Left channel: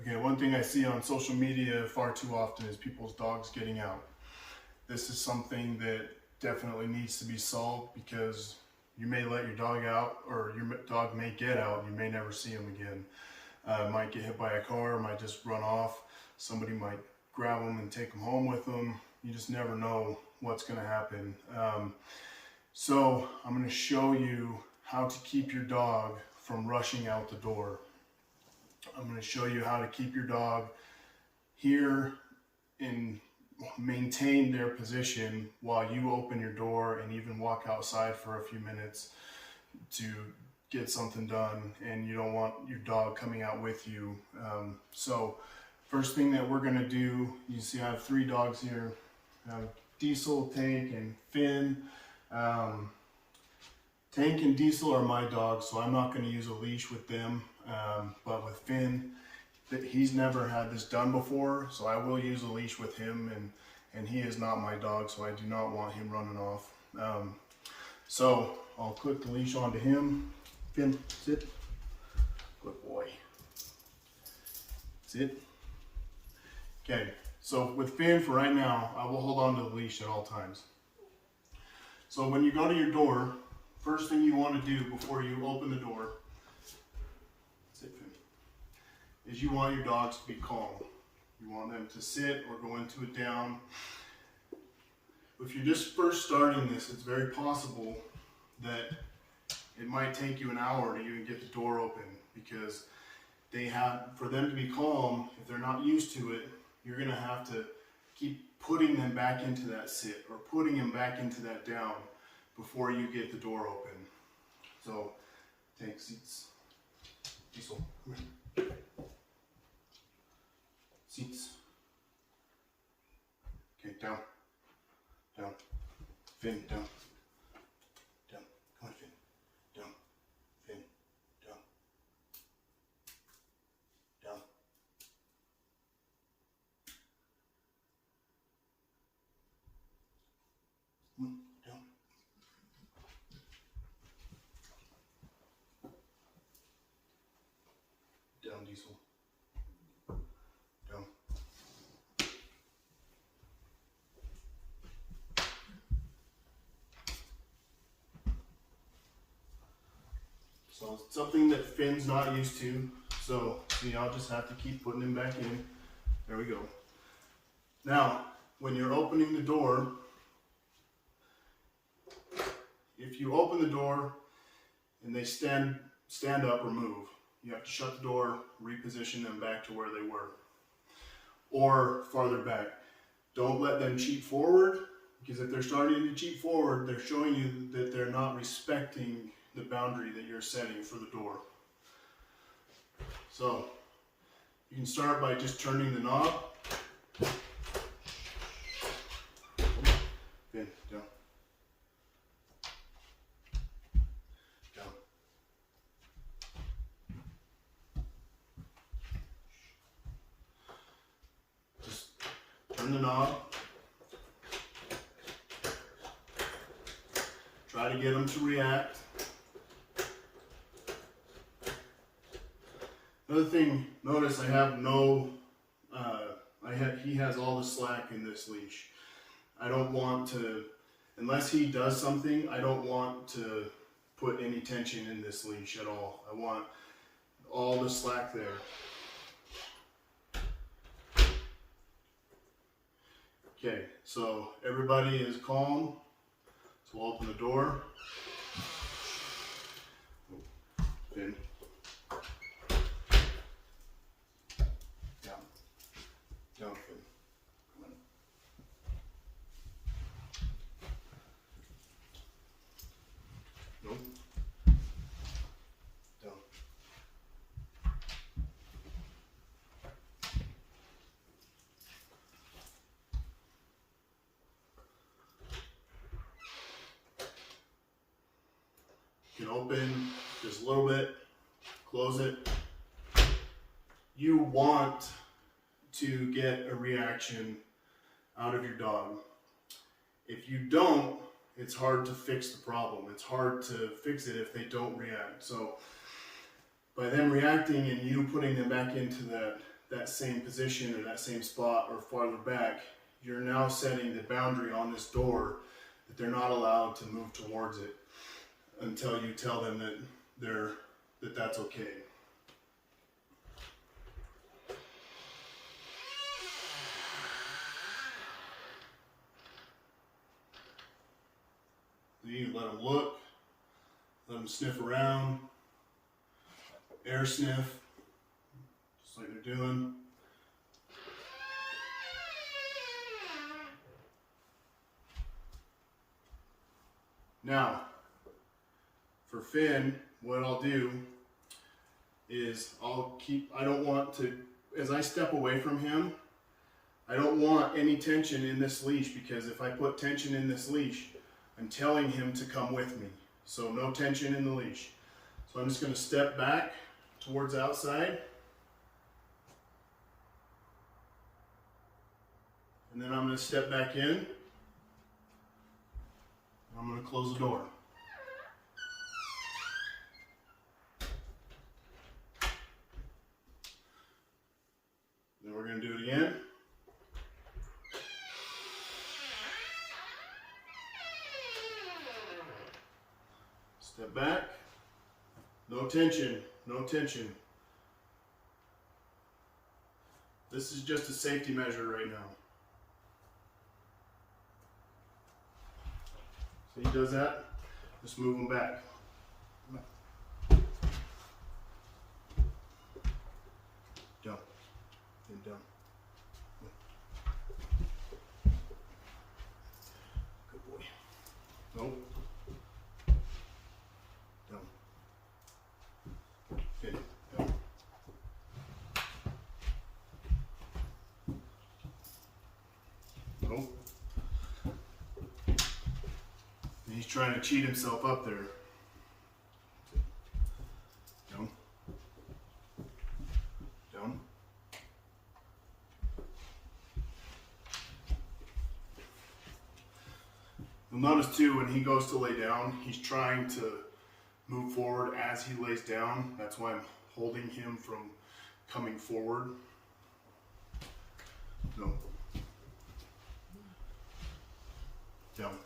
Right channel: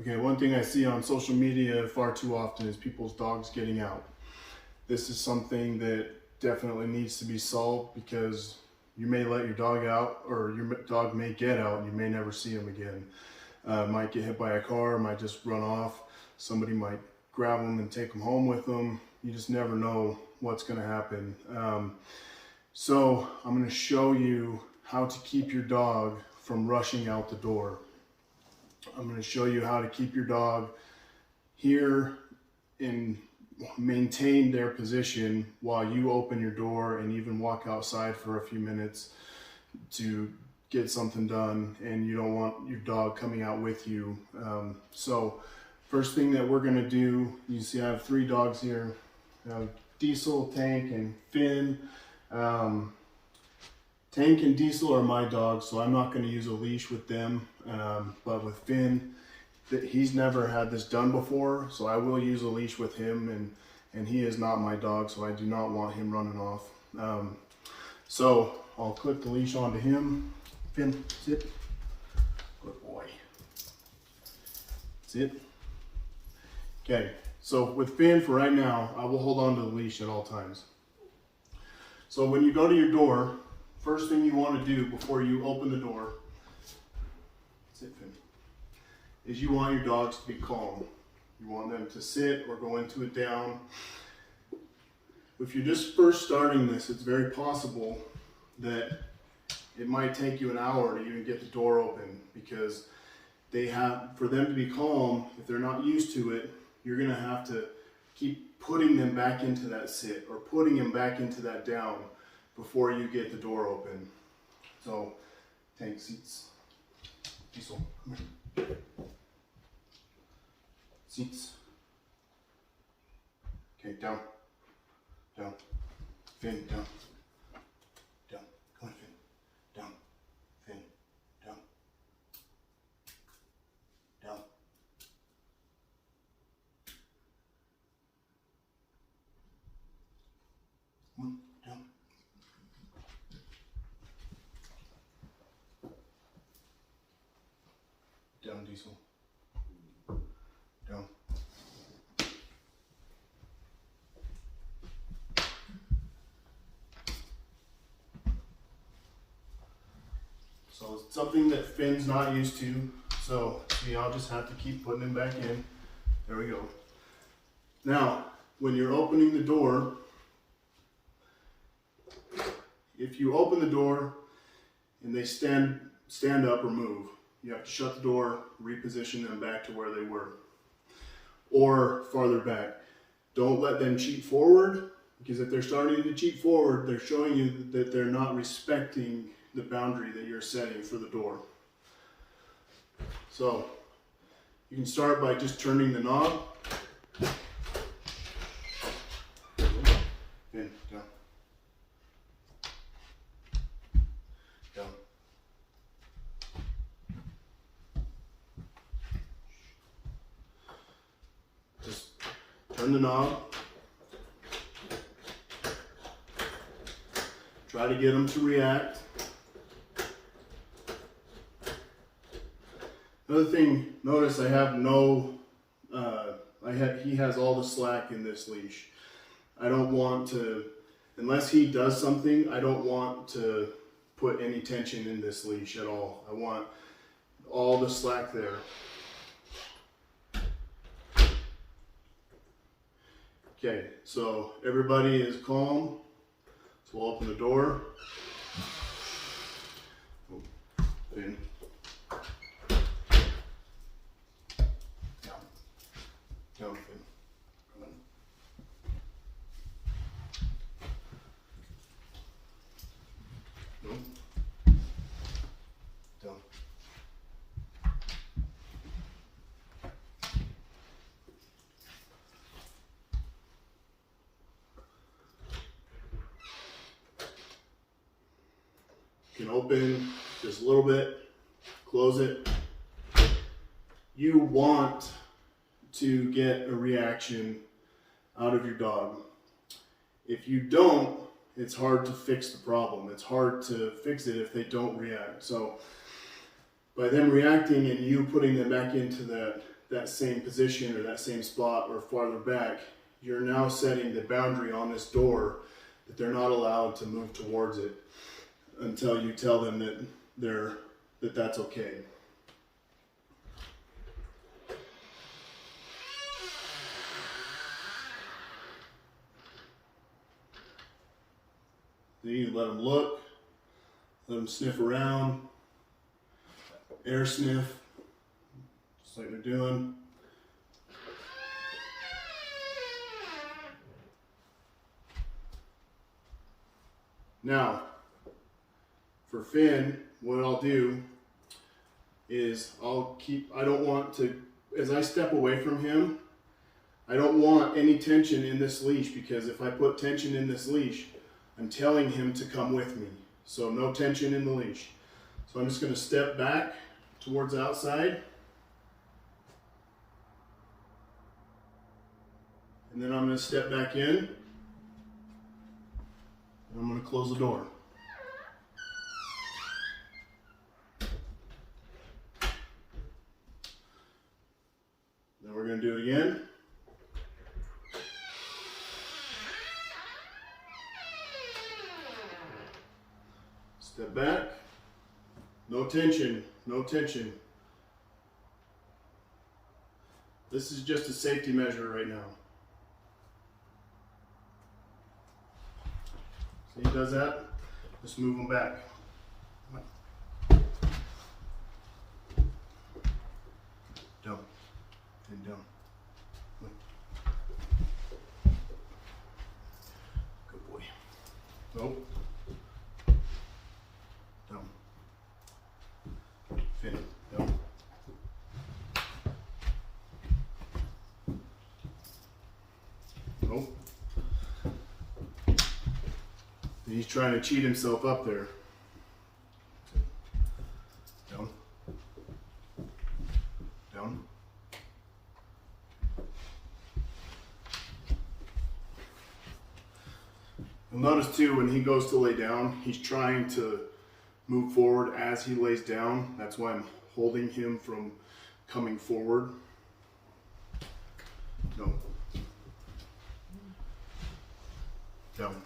Okay, one thing I see on social media far too often is people's dogs getting out. This is something that definitely needs to be solved because you may let your dog out, or your dog may get out and you may never see him again. Might get hit by a car, might just run off. Somebody might grab them and take them home with them. You just never know what's going to happen. So I'm going to show you how to keep your dog from rushing out the door. I'm going to show you how to keep your dog here and maintain their position while you open your door and even walk outside for a few minutes to get something done, and you don't want your dog coming out with you. So first thing that we're going to do, you see I have 3 dogs here. I have Diesel, Tank, and Finn. Tank and Diesel are my dogs, so I'm not going to use a leash with them. But with Finn, he's never had this done before, so I will use a leash with him, and he is not my dog, so I do not want him running off. So I'll clip the leash onto him. Finn, sit. Good boy. Sit. Okay, so with Finn for right now, I will hold on to the leash at all times. So when you go to your door, first thing you want to do before you open the door, sit, Finn, is you want your dogs to be calm. You want them to sit or go into a down. If you're just first starting this, it's very possible that it might take you an hour to even get the door open, because for them to be calm, if they're not used to it, you're going to have to keep putting them back into that sit or putting them back into that down before you get the door open. So, Tank, seats. Diesel, come here. Seats. Okay, down. Down. Finn, down. Down. Come on, Finn. Down. Finn. Down. Down. Come on, down. Down, Diesel. Down. So it's something that Finn's not used to. So see, I'll just have to keep putting him back in. There we go. Now, when you're opening the door, if you open the door and they stand up or move, you have to shut the door, reposition them back to where they were, or farther back. Don't let them cheat forward, because if they're starting to cheat forward, they're showing you that they're not respecting the boundary that you're setting for the door. So you can start by just turning the knob. In, down. Down. Just turn the knob. Try to get them to react. Another thing, notice I have he has all the slack in this leash. I don't want to, unless he does something, I don't want to put any tension in this leash at all. I want all the slack there. Okay, so everybody is calm. So we'll open the door. Finn. Down. Down, Finn. Come on. No. Down. You can open just a little bit, close it. You want to get a reaction out of your dog. If you don't, it's hard to fix the problem. It's hard to fix it if they don't react. So by them reacting and you putting them back into that same position or that same spot or farther back, you're now setting the boundary on this door that they're not allowed to move towards it until you tell them that that's okay. Then you let them look, let them sniff around, air sniff, just like they're doing. Now, for Finn, what I'll do is I don't want to, as I step away from him, I don't want any tension in this leash, because if I put tension in this leash, I'm telling him to come with me. So no tension in the leash. So I'm just going to step back towards outside. And then I'm going to step back in. And I'm going to close the door. Then we're going to do it again. Step back. No tension, no tension. This is just a safety measure right now. So he does that, just move him back. Down, and down. Good boy. Nope. Nope. He's trying to cheat himself up there. Down. Down. You'll notice too, when he goes to lay down, he's trying to move forward as he lays down. That's why I'm holding him from coming forward. No. Down.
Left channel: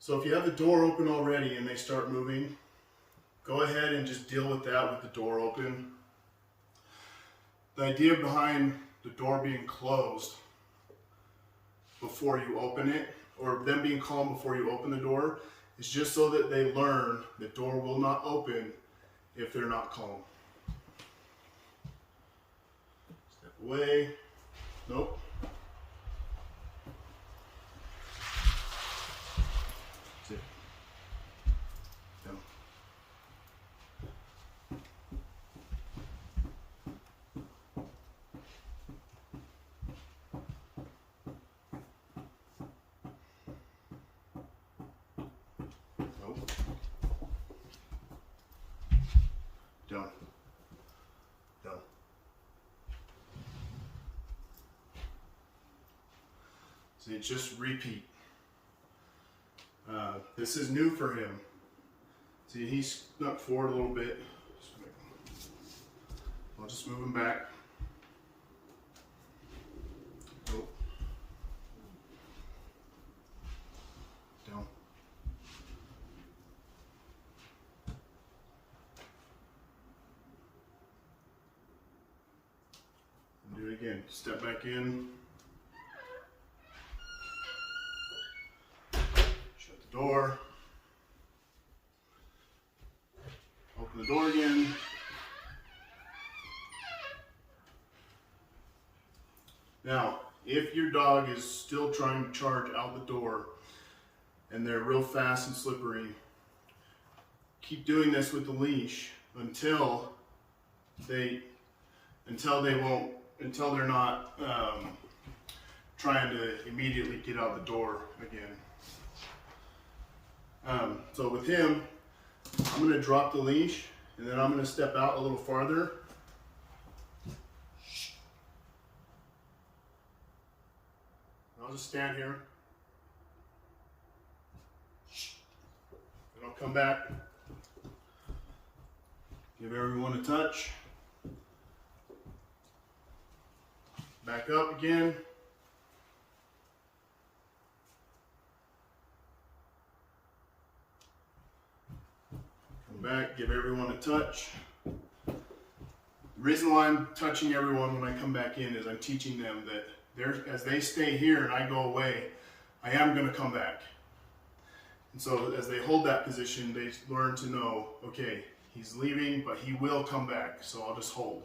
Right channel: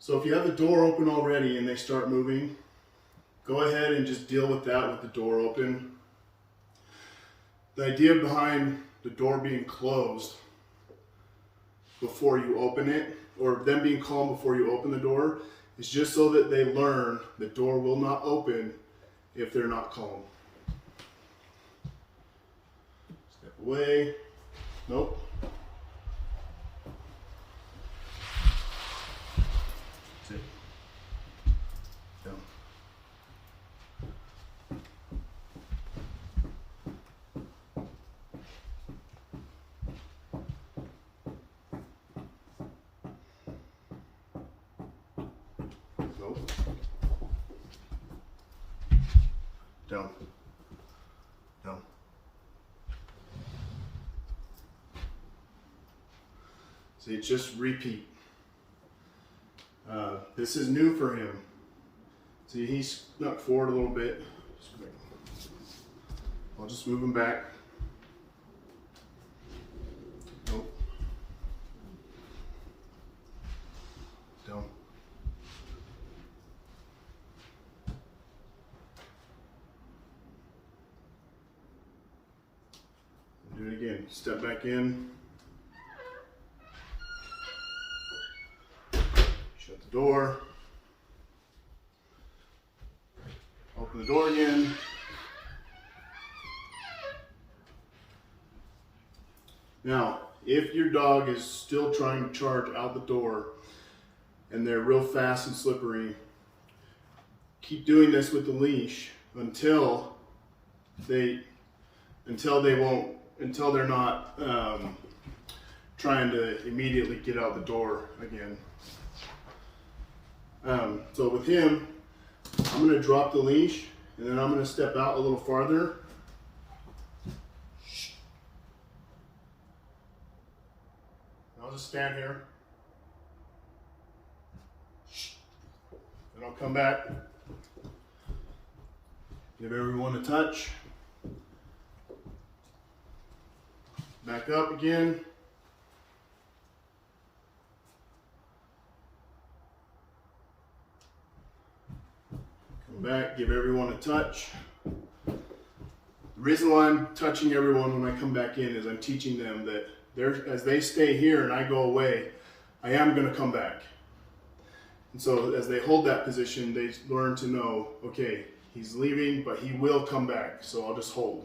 So if you have the door open already and they start moving, go ahead and just deal with that with the door open. The idea behind the door being closed before you open it, or them being calm before you open the door, is just so that they learn the door will not open if they're not calm. Step away. Nope. That's it. Down. Nope. Down. Down. See, just repeat. This is new for him. See, he's snuck forward a little bit. I'll just move him back. Nope. Down. Do it again. Step back in. Shut the door. Open the door again. Now, if your dog is still trying to charge out the door and they're real fast and slippery, keep doing this with the leash until they're not trying to immediately get out the door again. So with him, I'm going to drop the leash and then I'm going to step out a little farther. I'll just stand here. And I'll come back. Give everyone a touch. Back up again. Come back, give everyone a touch. The reason why I'm touching everyone when I come back in is I'm teaching them that as they stay here and I go away, I am going to come back. And so as they hold that position, they learn to know, okay, he's leaving, but he will come back, so I'll just hold.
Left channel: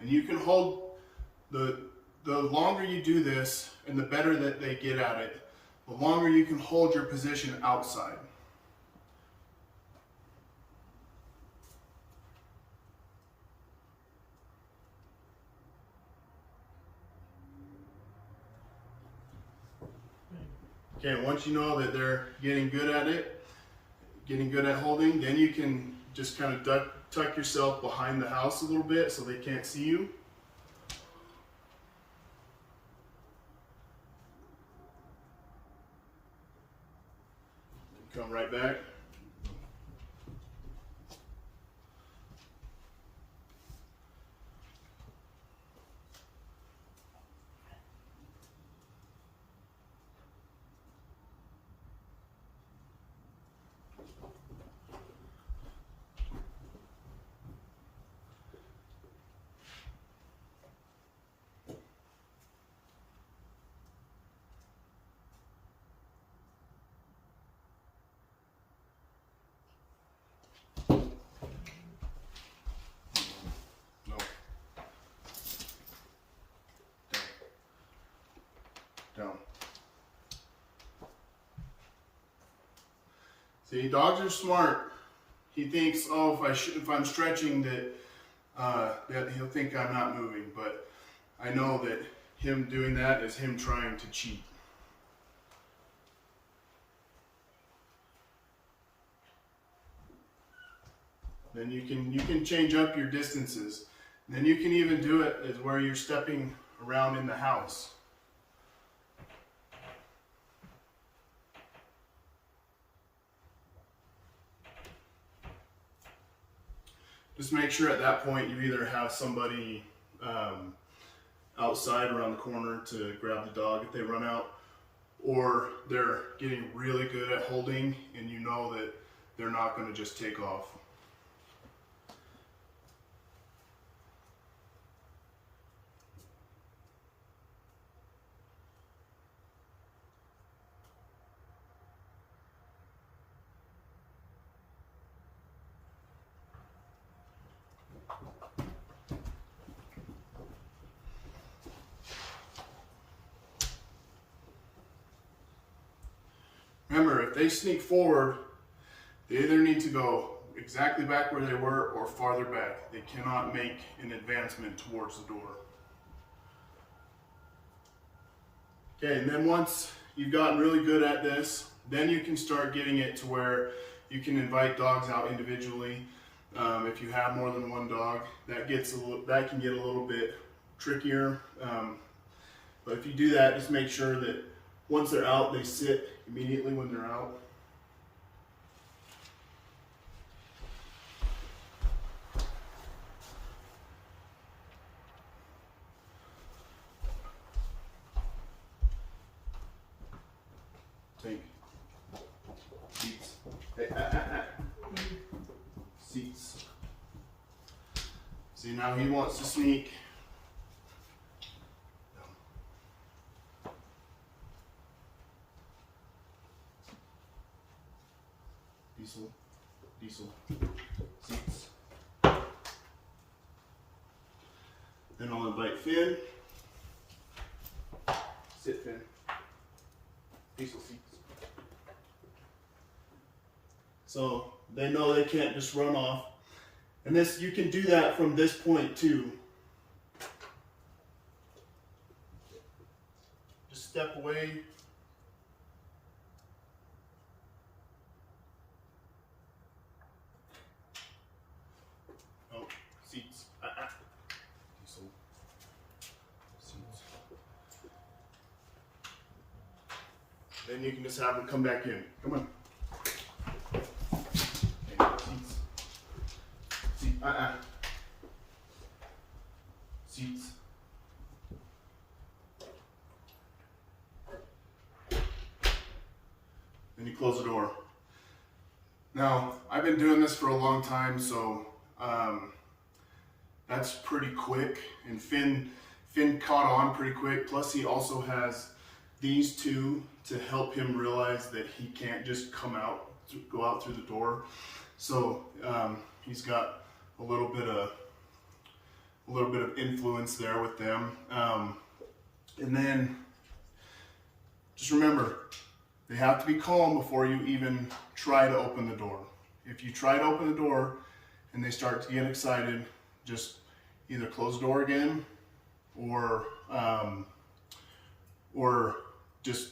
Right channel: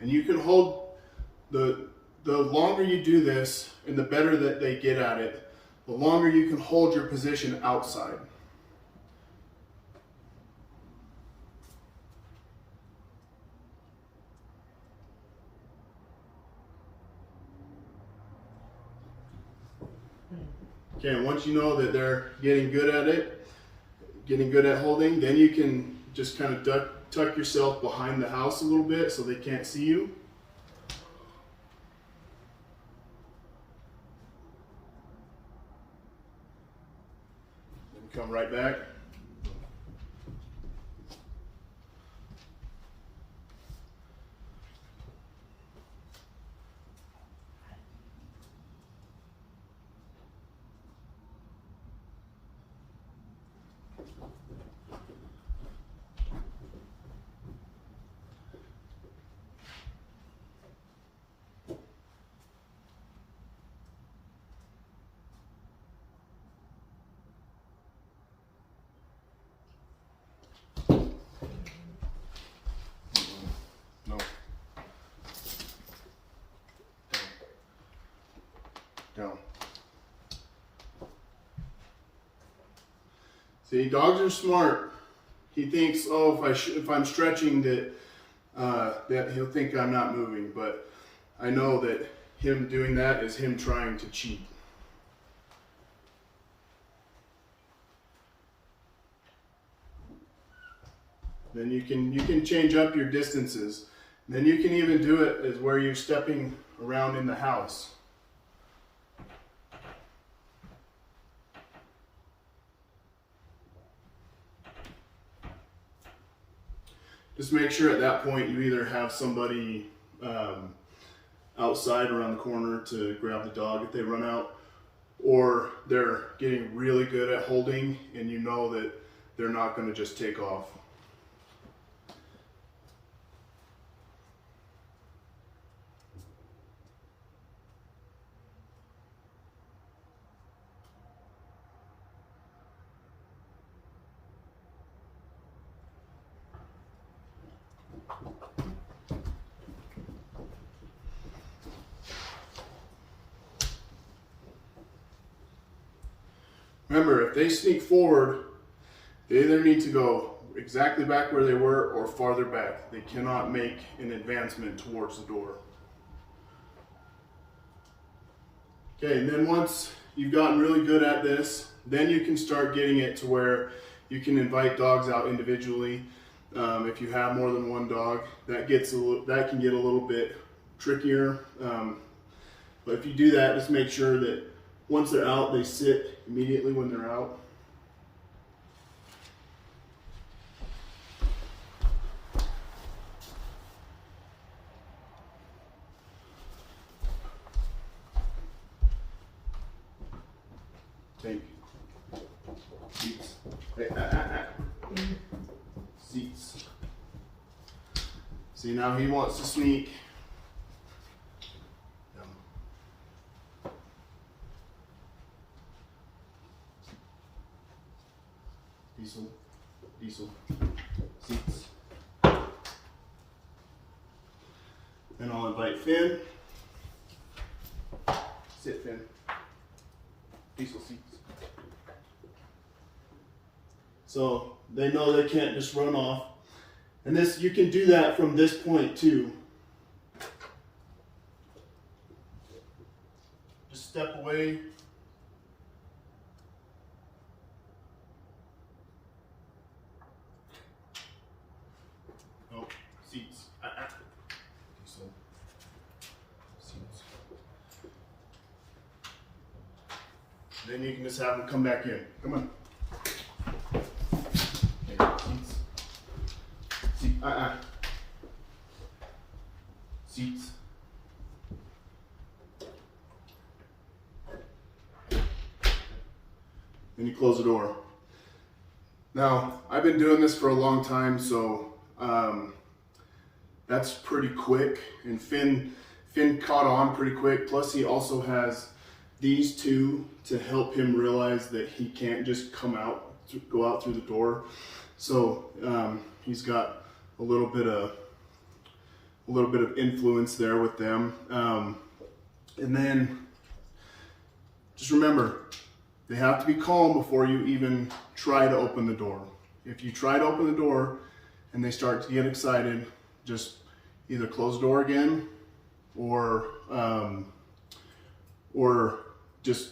And you can hold, the longer you do this and the better that they get at it, the longer you can hold your position outside. Okay, and once you know that they're getting good at it, getting good at holding, then you can just kind of tuck yourself behind the house a little bit so they can't see you. Then come right back. Down. See, dogs are smart. He thinks, oh, if I'm stretching that he'll think I'm not moving, but I know that him doing that is him trying to cheat. Then you can change up your distances. Then you can even do it as where you're stepping around in the house. Just make sure at that point you either have somebody outside around the corner to grab the dog if they run out, or they're getting really good at holding and you know that they're not going to just take off. Remember, if they sneak forward, they either need to go exactly back where they were or farther back. They cannot make an advancement towards the door. Okay, and then once you've gotten really good at this, then you can start getting it to where you can invite dogs out individually. If you have more than one dog, that can get a little bit trickier. But if you do that, just make sure that once they're out, they sit immediately when they're out. Take seats. Seats. See, now he wants to sneak. Diesel, seats. Then I'll invite Finn. Sit, Finn. Diesel seats. So they know they can't just run off. And this, you can do that from this point too. Just step away. Then you can just have them come back in. Come on. Seats. Seats. Then you close the door. Now, I've been doing this for a long time, so that's pretty quick. And Finn caught on pretty quick. Plus, he also has these two to help him realize that he can't just go out through the door. So he's got a little bit of influence there with them. And then just remember, they have to be calm before you even try to open the door. If you try to open the door and they start to get excited, just either close the door again or just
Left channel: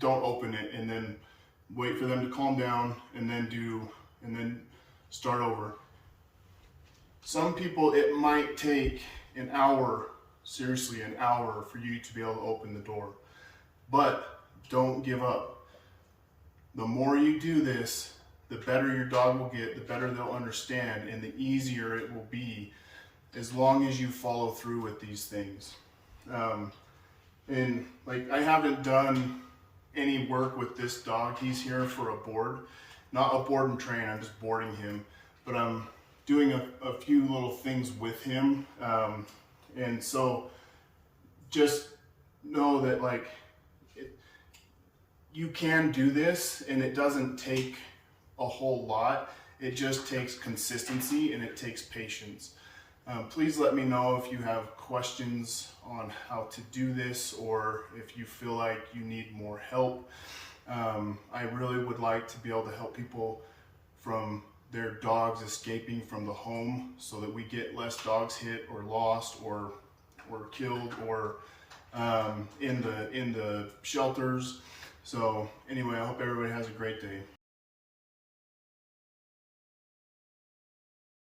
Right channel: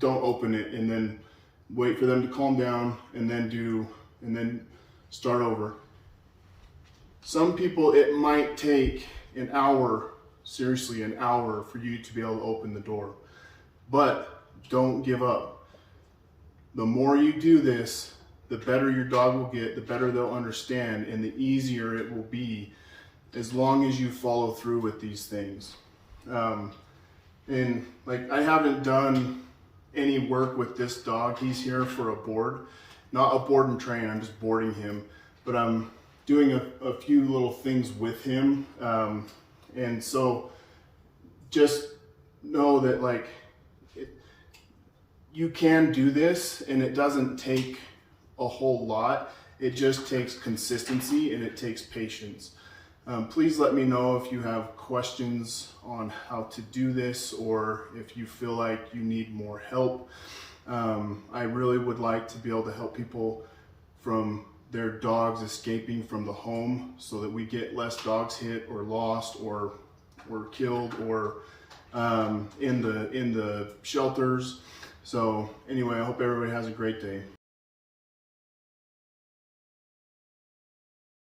don't open it, and then wait for them to calm down and then start over. Some people, it might take an hour, seriously an hour, for you to be able to open the door. But don't give up. The more you do this, the better your dog will get, the better they'll understand, and the easier it will be as long as you follow through with these things. And like, I haven't done any work with this dog. He's here for a board, not a board and train. I'm just boarding him, but I'm doing a few little things with him. And so just know that, like, you can do this, and it doesn't take a whole lot. It just takes consistency and it takes patience. Please let me know if you have questions on how to do this, or if you feel like you need more help. I really would like to be able to help people from their dogs escaping from the home, so that we get less dogs hit or lost or killed or in the shelters. So anyway, I hope everybody has a great day.